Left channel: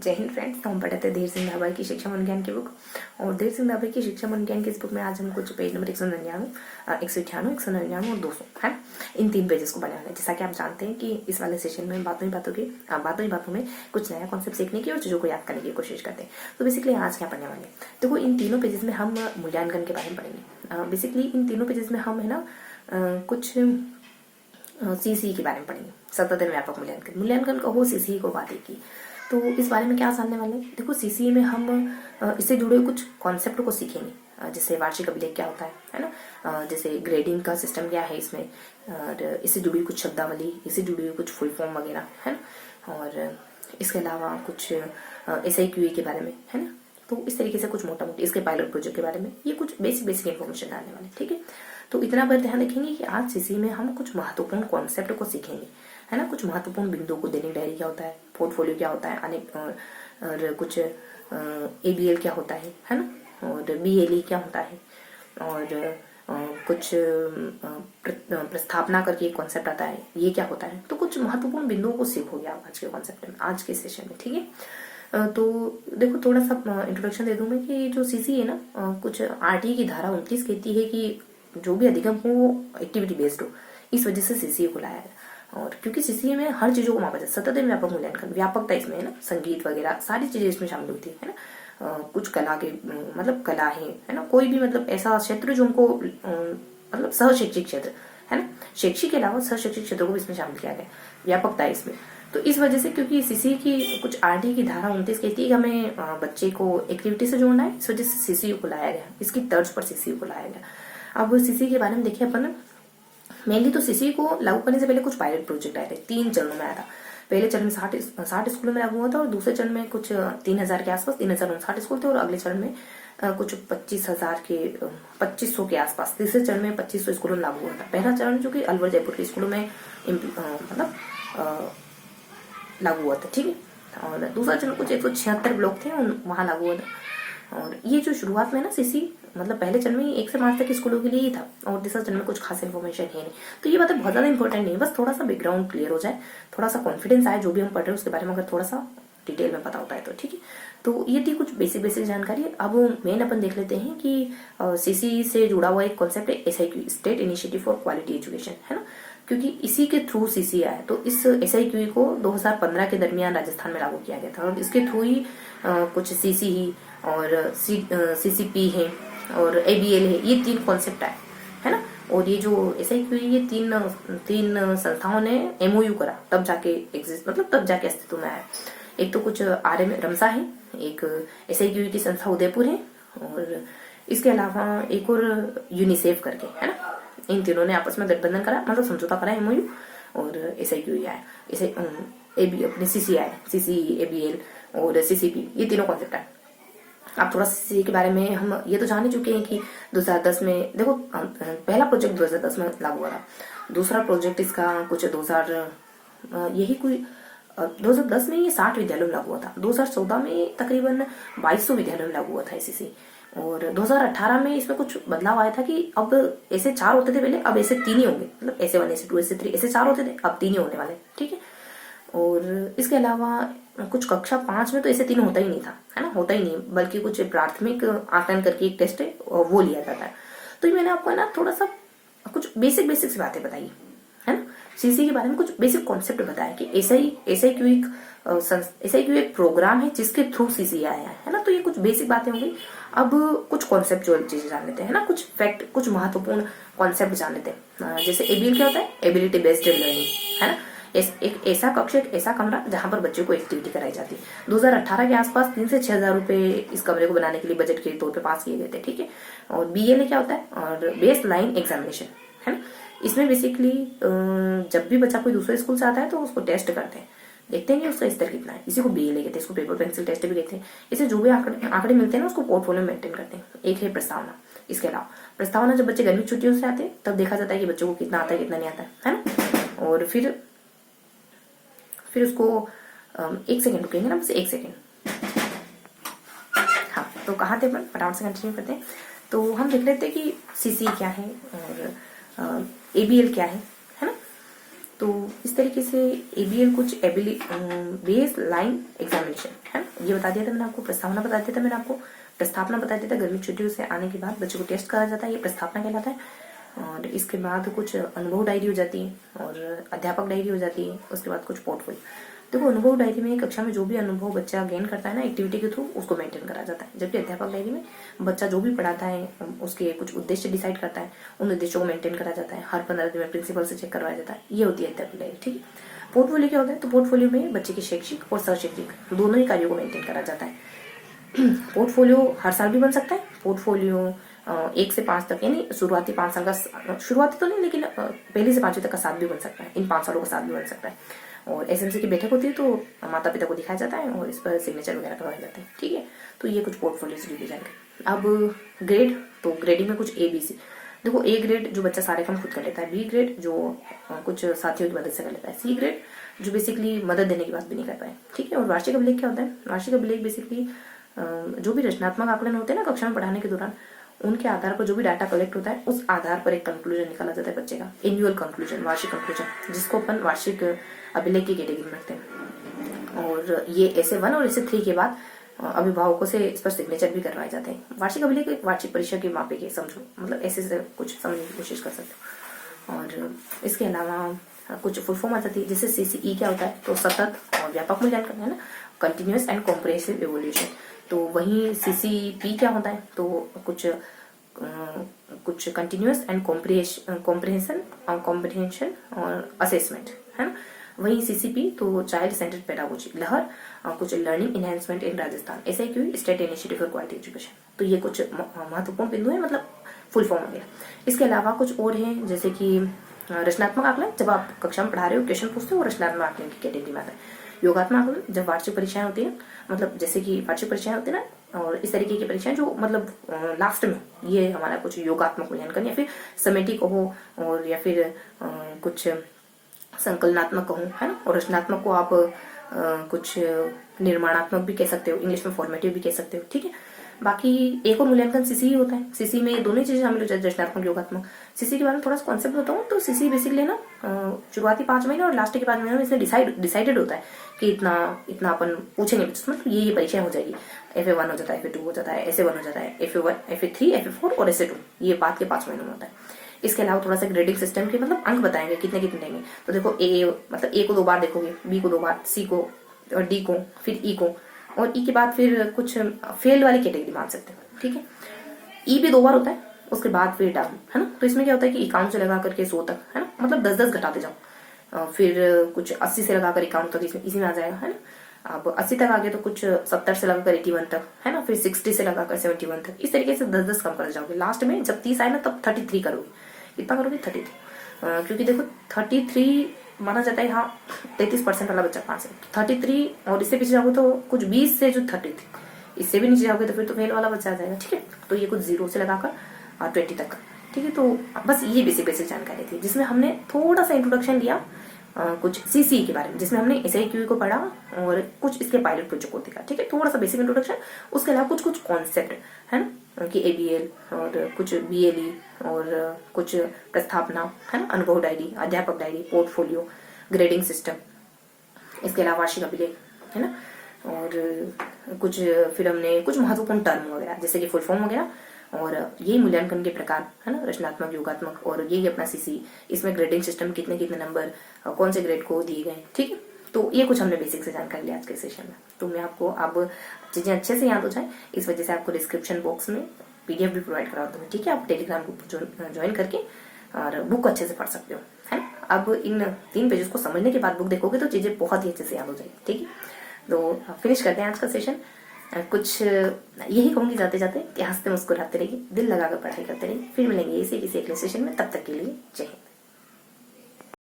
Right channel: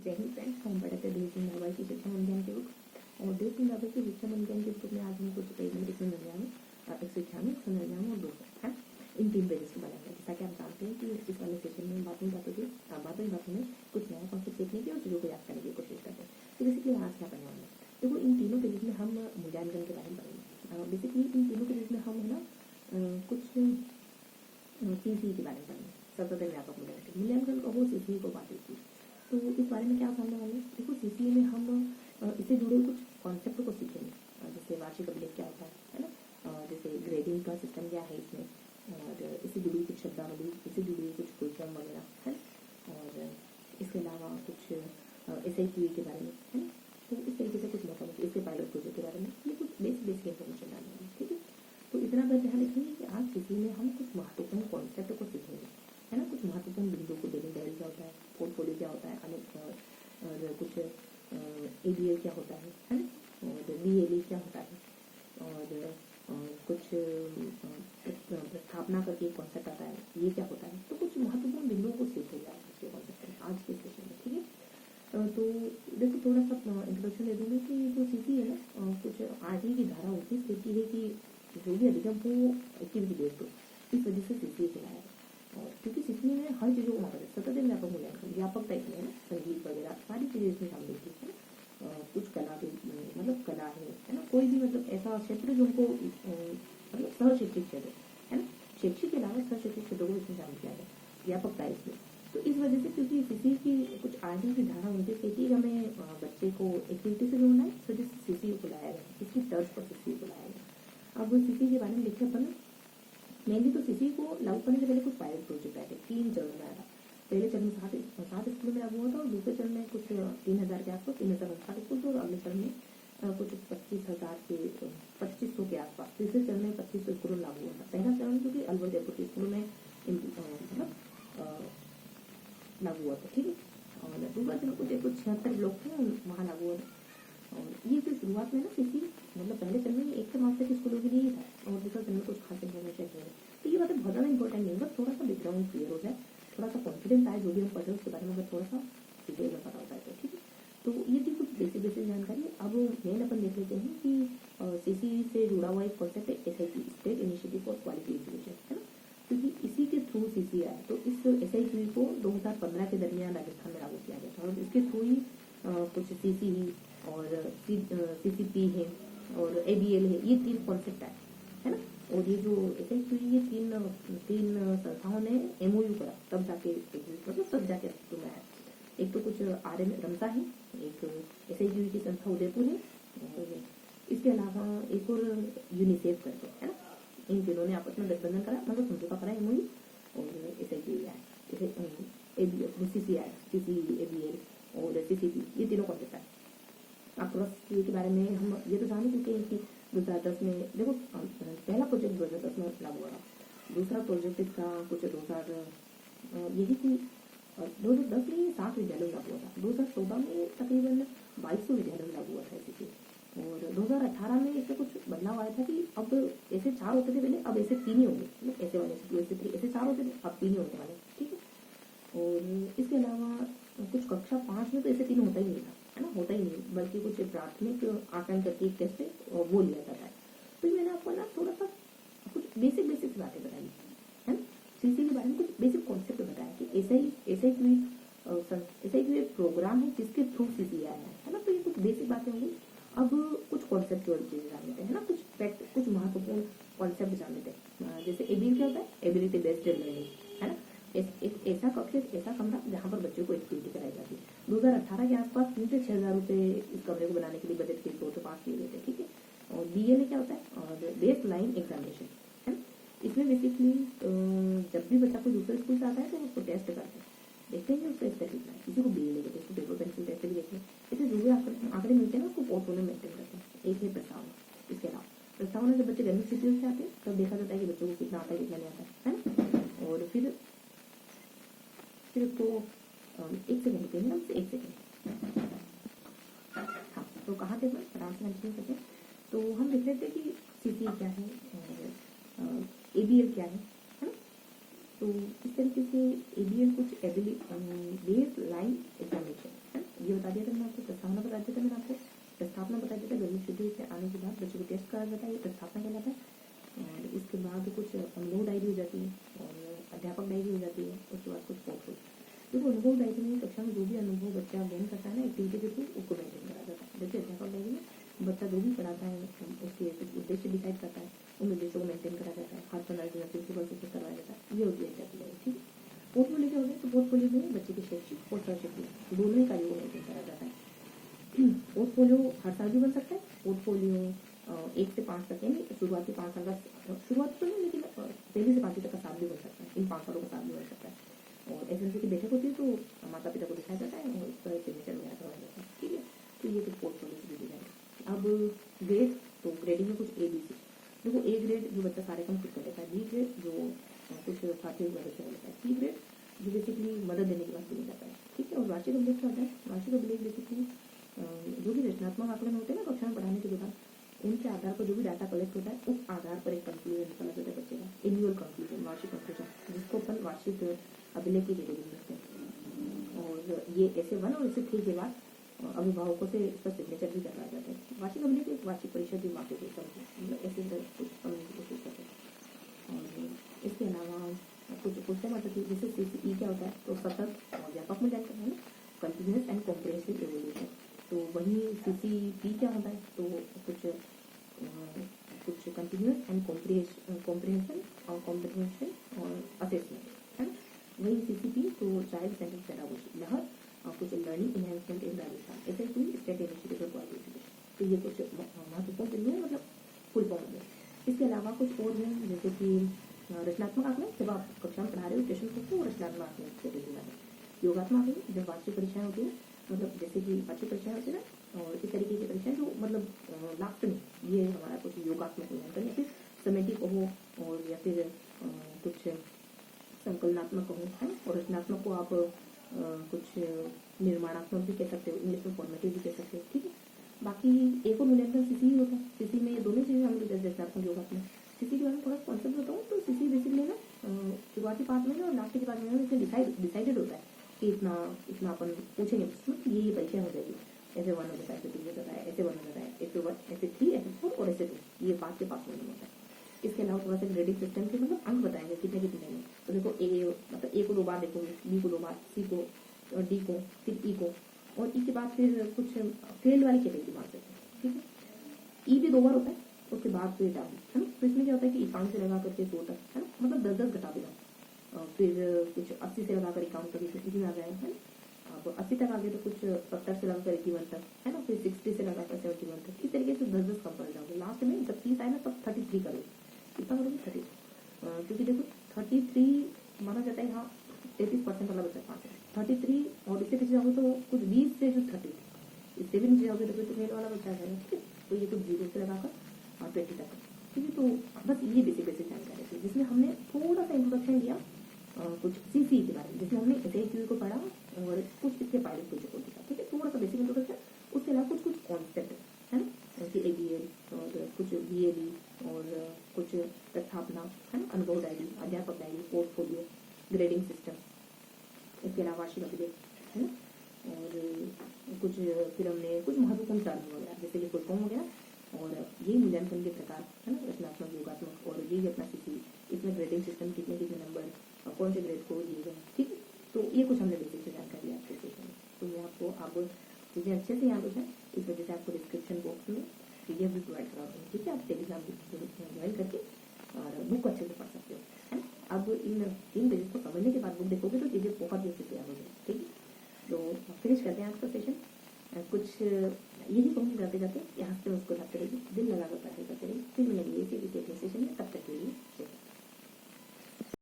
जय हिंद फ्रेंड्स। हम पढ़ते थे धीर सिंह धाबा की शिक्षा मनोज्ञान की बुक, और धीर सिंह धाबा की शिक्षा मनोज्ञान की इस बुक में आज हम कुछ पेज नंबर 199, 198, 199 और 200 है, इन 3 पेजेस को बनाने वाले हैं। जैसा कि आप जानते हैं कि इस वाले सेशन में बातों ही बातों में कुछ नया कॉन्सेप्ट सीखने की और चीज़ों को याद करने की कोशिश करते हैं। तो बेसिकली आज क्या पढ़ने वाले हैं, देखो इन तीनों पेजेस में हम मूल्यांकन के बारे में पढ़ेंगे। बेसिकली इन तीनों पेजेस में हम है ना कुछ सीसी के बारे में पढ़ेंगे। सतत व्यापक मूल्यांकन कहो, सीसी को बातें की। तो इस बारे में क्या जानने वाले हैं, देखो सीसी में हम इससे जुड़े हुए कुछ कॉन्सेप्ट को सीखेंगे। जैसे वार्षिक अभिलेख क्या होता है ना, जैसे ग्रेडिंग का सिस्टम क्या है इसमें, और इससे जुड़ी हुई कुछ शब्दावली, इससे जुड़ी हुई कुछ फुल फॉर्म वगैरह है ना, और इसके अलावा कुछ SIQA के बारे में है ना। तो इस तरीके से कुछ मोटा मोटी इसके पायलट प्रोजेक्ट के बारे में ये कुछ बेसिक इन्फॉर्मेशन डालने वाले, ठीक है। तो इतना पर ध्यान रखेंगे कि आज सीसी में हम कुछ महत्वपूर्ण कॉन्सेप्ट को सीखेंगे, है ना। कुछ महत्वपूर्ण बिंदुओं को, दैनिक डायरी क्या होता है, पोर्टफोलियो क्या होता है, अनेक और कुछ ABL क्या होता है ना, और BLE क्या होता है, और कुछ प्रस्थापना करके एक कॉन्सेप्ट आता है, ये क्या होता है। तो कुछ महत्वपूर्ण बिंदुओं को सीखोगे आप आज के कॉन्सेप्ट में, आज के सेशन में, ठीक है। तो देखो थोड़ा सा इंट्रोडक्शन दे दूं मैं कि जो सीसी है ना, कुछ RT की धारा 29 कहती है कि जो भी अधिगम हो वो एक्टिविटी बेस्ड हो। इस वजह से सीसीए को लाया है, और क्योंकि सीसीए में हर चीजों को मापा जाए। सतत व्यापक मूल्यांकन, व्यापकता इसमें है ना, संगीत वगैरह सारी चीजें इसमें शामिल होती है ना। कुछ कला के मतलब कला है ना, कोई भी मतलब ऐसा क्षेत्र जो हमको मतलब सहशैक्षिक क्षेत्र है ना, शैक्षिक के अलावा सहशैक्षिक क्षेत्रों को इसमें शामिल किया गया, व्यापकता है इसमें। तो इस वजह से, क्योंकि सीसी की कुछ RT की धारा 29 कहती है कि हमें बच्चे को एक्टिविटी से जोड़ना है, इस वजह से सीसी को लाया गया, इसकी तर्ज पर सीसी को लाया गया। अब सीसी के बारे में देखिए अपन, मेनली तो सीसी को लागू करने से पहले कुछ पायलट प्रोजेक्ट आए थे, 3 चरणों में आया था। पहले चरण में 60 स्कूलों में लागू हुआ था, और दूसरे चरण में कुछ 3000 के आसपास, 3059 स्कूल थे, और अगले चरण में कुछ 2500 के आसपास। तीसरे चरण में 2500 स्कूलों में लागू हुआ था। पहला चरण जो कि अलवर जयपुर के स्कूलों में मतलब लागू हुआ था, ठीक है। और दूसरा चरण कुछ 176 ब्लॉक थे, वहां लागू हुआ था। और ये जो शुरुआत में ना सीसी मतलब पहले चरण में 1 से 5 तक के स्कूलों के लिए ही था, और तीसरा चरण में कुछ खास इन्फॉर्मेशन है नहीं। तो ये बातें बहुत ज्यादा इंपॉर्टेंट नहीं है, बस थोड़ा सा बैकग्राउंड क्लियर हो जाए, थोड़ा सा कॉन्फिडेंस आए जो भी हम पढ़ रहे हैं उसके बारे में, अगर थोड़ा सा डिटेल में पता होता है तो, ठीक है। तो ये थी कुछ बेसिक जानकारी। अब मेन अपन देख लेते हैं कि सीसी से जुड़ा हुआ एक कॉन्सेप्ट है SIQ, state initiative for quality education, है ना। क्योंकि इसी के थ्रू सीसी आया, तो इस SIQ को 2015 के दरमियान राजस्थान में लागू किया गया था, और इसके थ्रू ही कुछ CC ही और CCP है और ABL है, ये 3 कॉन्सेप्ट आए, है ना। और ये जो SIQ ये तीन संस्थाओं ने MOU करा, तब जाके एग्जिस्ट मतलब तब जाके अस्तित्व में आया। एक तो कुछ RM रमसा है, एक SIQ की संस्था उदयपुर है, और इसके अलावा एक और यूनिसेफ करके है ना। इन तीनों ने आपस में गठबंधन करा, मतलब समझौता करा MOU, और SIQ आया, इसे अपने CC आया, CC ABL और CCP, ये तीनों कॉन्सेप्ट आए। अब थोड़ा सीसी के बारे में हम ये तो जान ही चुके हैं कि 2010 में देखो पहला प्रोजेक्ट 2010 में लागू हुआ था, दूसरा प्रोजेक्ट इसका कुछ 2010 में ये 60 विद्यालयों में लागू हुआ था, 2014 में तकरीबन 2200 विद्यालयों में लागू हुआ था सीसी, और 2018 में इसमें कुछ बदलाव आया था कि अब ऐसे 4 होते थे पहले, अब ऐसे 3 ही होंगे, मतलब ऐसे 1 ऐसे 2 ऐसे 3 ऐसे 4 होते थे, अब 3 ही होने वाले, ठीक है। और इसके अलावा कुछ कक्षा 5 में तो ऐसे 3 होता ही नहीं था, है ना, होता ही नहीं, बल्कि कुछ प्राथमिक आकलन करके एक टेस्ट है वो लिया जाता है। तो ये मैंने आपको ना थोड़ा सा कुछ बेसिक सी बातें बताई, है ना। सीसी के बारे में कुछ बेसिक कॉन्सेप्ट बताया कि SIQ एक प्रोग्राम है जिसके थ्रू सीसी आया है ना। तो ये कुछ बेसिक बातें होंगी। अब कुछ कॉन्सेप्चुअल चीजें जान लेते हैं ना, कुछ फैक्ट, कुछ महत्वपूर्ण कॉन्सेप्ट जान लेते हैं। जैसे ABL क्या होता है, एबिलिटी बेस्ड लर्निंग, है ना। एक ऐसा कक्ष, एक ऐसा कमरा जहां पर बच्चों को एक्टिविटी कराई जाती है। 2018 के आसपास 3 से 6 हजार रुपए इस कमरे को बनाने के लिए बजट के तौर पे पास किए गए थे, ठीक है। और BLA क्या होता है, और बेस लाइन एग्जामिनेशन, है ना। इसमें बेसिकली जब भी बच्चा कोई दूसरे स्कूल से आता है तो उसको टेस्ट करते हैं, देखते हैं कि उसका स्तर कितना है, इसी को BLA कहते हैं, इसको पेपर पेंसिल टेस्ट भी कहते हैं। इससे जो भी आंकड़े मिलते हैं ना उसको पोर्टफोलियो मेंटेन करते हैं। एक है प्रस्तावना, इसके अलावा प्रस्तावना जब बच्चे गर्मी छुट्टियों से आते हैं तब देखा जाता है कि बच्चों को कितना आता है कितना नहीं आता है ना। और फिर उसको 1 सेकेंड रुकेंगे ना, बस 1 सेकेंड। हाँ, तो कहाँ थे अपन, फटाफट से कंटिन्यू करते हैं। तो हम देख लेते हैं कि सीसी क्या है और ABL क्या है ना। तो इस तरीके से ABL कुछ बेस लाइन एग्जामिनेशन है, ये बता दिया था मैंने आपको, प्रस्तावना बता दिया था मैंने आपको, प्रस्तावना बता दिया था गर्मी छुट्टियों से आने के बाद बच्चे को टेस्ट करा जाता है, ये प्रस्तावना कहलाता है। और इसके बाद कुछ अनुभव डायरी हो जाती है और अध्यापक डायरी हो जाती है। उसके बाद कुछ पोर्टफोलियो। देखो अनुभव डायरी में कक्षा में जो भी अनुभव बच्चा गेन करता है ना एक्टिविटी के थ्रू, उसको मेंटेन करा जाता है। जबकि अध्यापक डायरी में बच्चा जो भी पढ़ाता है उसके कुछ उद्देश्य डिसाइड करता है, उन उद्देश्यों को मेंटेन करा जाता है, हर 15 दिन में प्रिंसिपल से चेक करवाया जाता है। ये होती है अध्यापक डायरी, ठीक है। पोर्टफोलियो क्या होता है? तो पोर्टफोलियो में बच्चे के शैक्षिक और शैक्षिक दोनों ही कार्यों को मेंटेन करा जाता है। पोर्टफोलियो हर साल भी बन सकता है। पोर्टफोलियो 1 से 5 तक, यानी शुरुआती 5 साल का, शुरुआती तो नहीं लेकिन पहली से 5वीं तक का साथ भी बन सकता है। इन 5 सालों का साथ भी बन सकता है। और एसएमसी की बैठक होती है तो माता पिता को दिखाया जाता है और इस पर सिग्नेचर वगैरह करवाए जाते हैं, ठीक है। तो ये कुछ पोर्टफोलियो से जुड़ी जाएंगे। अब ग्रेड, तो ग्रेडिंग में कुछ ABC। देखो A ग्रेड जो बच्चा सारे काम खुद कर लेता है, B ग्रेड जो कुछ साथियों की मदद से कर लेता है, C ग्रेड जो बेसिकली मदद देने की बात भी नहीं करता है, ठीक है। और वार्षिक अभिलेख क्या होता है? वार्षिक अभिलेख बेसिकली जो भी रचनात्मक आकलन होते हैं ना कक्षा में पढ़ाने के दौरान, उनके आधार पर जो भी डाटा कलेक्ट होता है उस आधार पर एक कंक्लूजन निकाला जाता है बच्चे का, एनुअल कंक्लूजन, वार्षिक कंक्लूजन, जिसको अपन वार्षिक अभिलेख की कैटेगरी में रखते हैं। और ये ऐसे 1 और ऐसे 3 के बाद अभिभावकों से इस पर सिग्नेचर भी करवाए जाते हैं। वार्षिक अभिलेख एक वार्षिक परीक्षा के मापे के, समझो मतलब ऐसे से कुछ समझने की कोशिश कर सकते हो। और इसके अलावा कुछ फुल फॉर्म आ जाती है, जैसे CCE क्या होता है? तो सतत और व्यापक मूल्यांकन, है ना, कंटिन्यूअस एंड कॉम्प्रिहेंसिव इवोल्यूशन। तो वहीं CCP क्या होता है? तो कुछ कंटिन्यूअस एंड कॉम्प्रिहेंशन और असेसमेंट, है ना। वहीं CCP तो चाइल्ड सेंटर्ड पेडागोजी, लहर कुछ learning enhancement in Rajasthan, SIQ state initiative for quality education. तो ये कुछ महत्वपूर्ण बिंदु है, मतलब फुल फॉर्म हो गया। इसके अलावा कुछ और हैं, जैसे कि रचनात्मक आकलन, जब आप कक्षा में पढ़ा रहे हो क्वेश्चन पूछते हो, वो रचनात्मक आकलन की कैटेगरी में आता है। योगात्मक आकलन जब वार्षिक परीक्षाएं होती है, मतलब जैसे कि वार्षिक परीक्षाएं होती है ना, और इस तरीके की परीक्षाएं जो मतलब लास्ट में, ये हमारा कुछ योगात्मक मूल्यांकन या फिर समेटी कहो, और या फिर कुछ संकलनात्मक कहूँ, है ना। और रचनात्मक को आप कुछ निर्माणात्मक भी कह सकते हो, इंग्लिश में फॉर्मेटिव भी कह सकते हो, ठीक है। बाकी एक और मूल्यांकन CC होता है। CC में दोनों चीजें शामिल हो जाती है, रचनात्मक योगात्मक। CC के बारे में थोड़ा सा कॉन्सेप्ट बताऊं तो CC बेसिकली ना शुरुआती 5 महीने और लास्ट के 5 महीने में इसमें डिसाइडेड होता है कि इतना अपन पूछेंगे, मतलब ये परीक्षाएं हो जाएगी। FA1 हो जाता है, FA2 हो जाता है, SA1 हो जाता है, FA1, FA3, FA4 और SA2, ये बात के 5 महीनों में होता है। इसके अलावा थोड़ा सा ग्रेडिंग सिस्टम के मतलब अंक बताएंगे कितने कितने देंगे। तो देखो मतलब A को 2 बार देखोगे, B को 2 बार, C को और D को, फिर E को, और E के बाद फिर कुछ फेल वाली कैटेगरी मान सकते हैं, ठीक है। E भी 2 बार होता है, उसके बाद फिर डाउन, है ना। तो इसमें क्या होता है कि 51 से लगा करके 100 तक, है ना, मतलब 10-10 घटाते जाओ। फिर कुछ 80 से लगाकर 51 तक इसी में आ जाएगा, है ना। अब 80 तक आ गए तो कुछ 70 से लगाकर 81 तक, है ना, फिर 60 से लगाकर 71 तक, इस तरीके से 10-10 कम कर जाओगे। लास्ट में जब 30 आए ना तब 33 करोगे। कितना करोगे? 33, क्योंकि देखो 33 माना जाता है यहाँ 33% वाला बच्चा पास है। 33 और इससे पीछे जाओगे तो कुछ 20 से जो 30 थी, इससे भी नीचे जाओगे तो फिर तो फेल वाला बच्चा आ जाएगा, ठीक है। तो ये कुछ 0 से लगाकर 20 तक, ठीक है। तो बस ये बेसिक जानकारी थी जिसमें हमने थोड़ा सा इंट्रोडक्शन दिया कुछ CCE के बारे में, जिसमें हमने SIQ को पढ़ा और कुछ इसके पायलट प्रोजेक्ट को देखा, ठीक है। थोड़ा सा बेसिक इंट्रोडक्शन, उसके अलावा कुछ कॉन्सेप्ट, है ना, कि ABL और कुछ BLE और कुछ प्रस्थापना, है ना, अनुभव डायरी, अध्यापक डायरी, पोर्टफोलियो, ग्रेडिंग सिस्टम, इसके अलावा वार्षिक अभिलेख, है ना। और कुछ फिर हमने कुछ महत्वपूर्ण टर्म वगैरह जैसे कि फुल फॉर्म वगैरह, और यही मूल्यांकन के प्रकार, है ना, रचनात्मक, योगात्मक, और यही अपना CC, इसमें ग्रेडिंग सिस्टम, कितने कितने नंबर कौन से ग्रेड को दिए गए, ठीक है। तो ये कुछ हमने बेसिक से जानकारी ली आज के सेशन में। तो मैं आपको अब चीजें अच्छे से याद हो जाए इस वजह से आपको डिस्क्रिप्शन बॉक्स में PDF भी प्रोवाइड करा दूंगी, ठीक है। आप टेलीग्राम ग्रुप ज्वाइन करके और बुक अच्छे से पढ़ सकते हो, है। अब इन 3 पेजेस को समझने के बाद बुक देखोगे तो चीजें बहुत ही अच्छे से याद हो जाएगी, ठीक है। तो फिनिश करते हैं आज का सेशन। कुछ यही कहूंगी जाते जाते कि हंसते मुस्कुराते रहिए, दिल लगाकर पढ़ाई करते रहिए। फिर मिलेंगे इसी किसी अगले सेशन में, तब तक के लिए जय हिंद।